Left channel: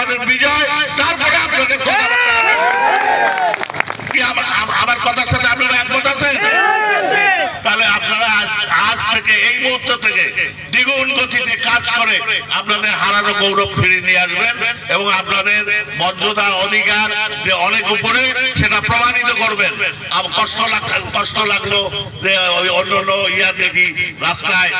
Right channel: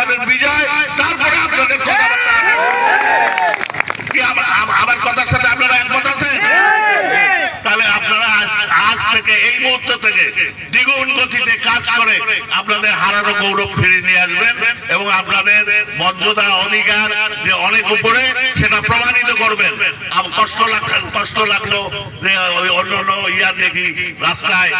আমাদের বিজয় তারপরে আপনাদের কথা আমার কথার সাথে আপনারা একমত আছেন? তাহলে আপনারা আজ থেকে, এই মুহূর্ত থেকে দ্বিগুণ গতিতে কাজ করে আপনাদের হারানো গৌরব ফিরে নিয়ে আসবেন এবং আপনাদের মর্যাদা, অধিকার যে অনেক উপরে, সেটা প্রমাণিত করবেন। কষ্ট কষ্ট লাগল যে অন্য অন্য ইয়া দেখি রাস্তায়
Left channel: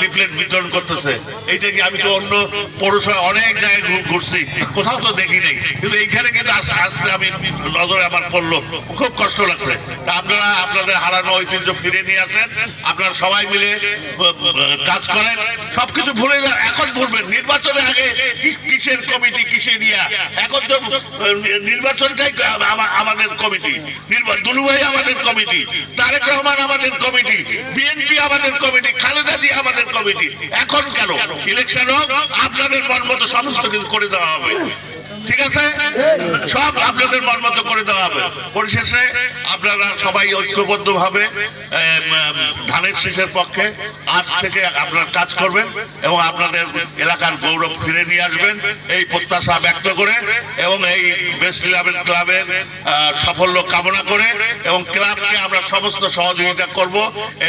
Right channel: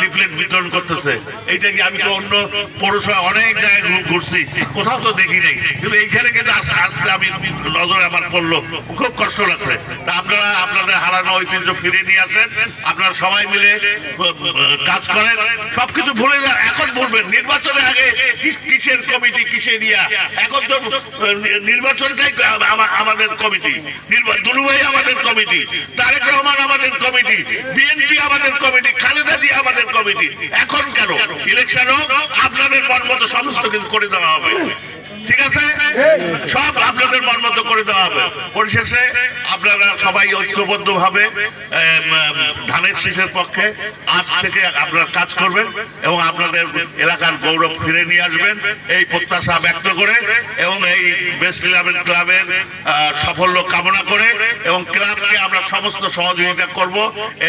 লিফলেট বিতরণ করতেছে। এইটা কি আমি তো অন্য পৌরসভা অনেক জায়গায় ঘুরছি, কোথাও তো দেখি নাই। কিন্তু এইখানে কিন্তু আস- আসতে আমি নজরে আমার পড়ল, খুব কষ্ট লাগছে। আপনারা আপনাদের হারানো ঐতিহ্য ফিরে নিয়ে আসেন আপনারা সবাই মিলে কাজ করেন। সবকিছু ভুলে যান। এখন বলবেন, নির্বাচনের আগে কিসের কমিটি কিসের ইয়া এখন তো নির্বাচনটাই আমাদের কমিটি। দুলুভাই আমাদের কমিটি, তারেক রহমান আমাদের কমিটি, বিএনপি আমাদের কমিটি, খালেদা জি আমাদের কমিটি। এখন কেন? ইলেকশন হোক, আপনাদের মন মতো সমস্ত কিছু করে দেওয়া হবে। ঠিক আছে? সব আপনাদের মন মতো করে দেওয়া হবে। পরিশেষে আপনারা সবাই ঐক্যবদ্ধ ভাবে ধানের শীষের পক্ষে আজ থেকে আপনারা কাজ করবেন এবং আপনাদের এলাকার গৌরব ফিরে নিয়ে আসবেন। এই প্রত্যাশা ব্যক্ত করে এবং এই বেস্ট ইলেভেন ক্লাবের সাফল্য কামনা করে এবং ক্লাবকে আমরা সমস্ত সহযোগিতা করব।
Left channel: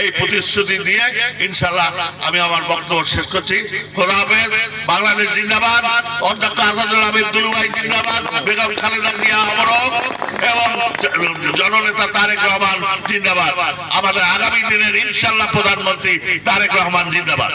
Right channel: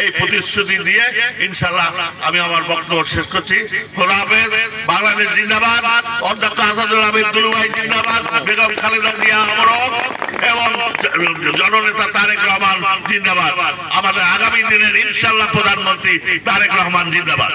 এই প্রতিশ্রুতি দিয়ে ইনশাল্লাহ আমি আমার বক্তব্য শেষ করছি। খোলা হাফেজ বাংলাদেশ জিন্দাবাদ। অধ্যক্ষ আসাদুল আহমেদ দুলুভাই জননেতা তারেক রহমান জিন্দাবাদ। আমাদের আগামী দিনের ইনশাল্লাহ প্রধানমন্ত্রী তারেক রহমান জিন্দাবাদ।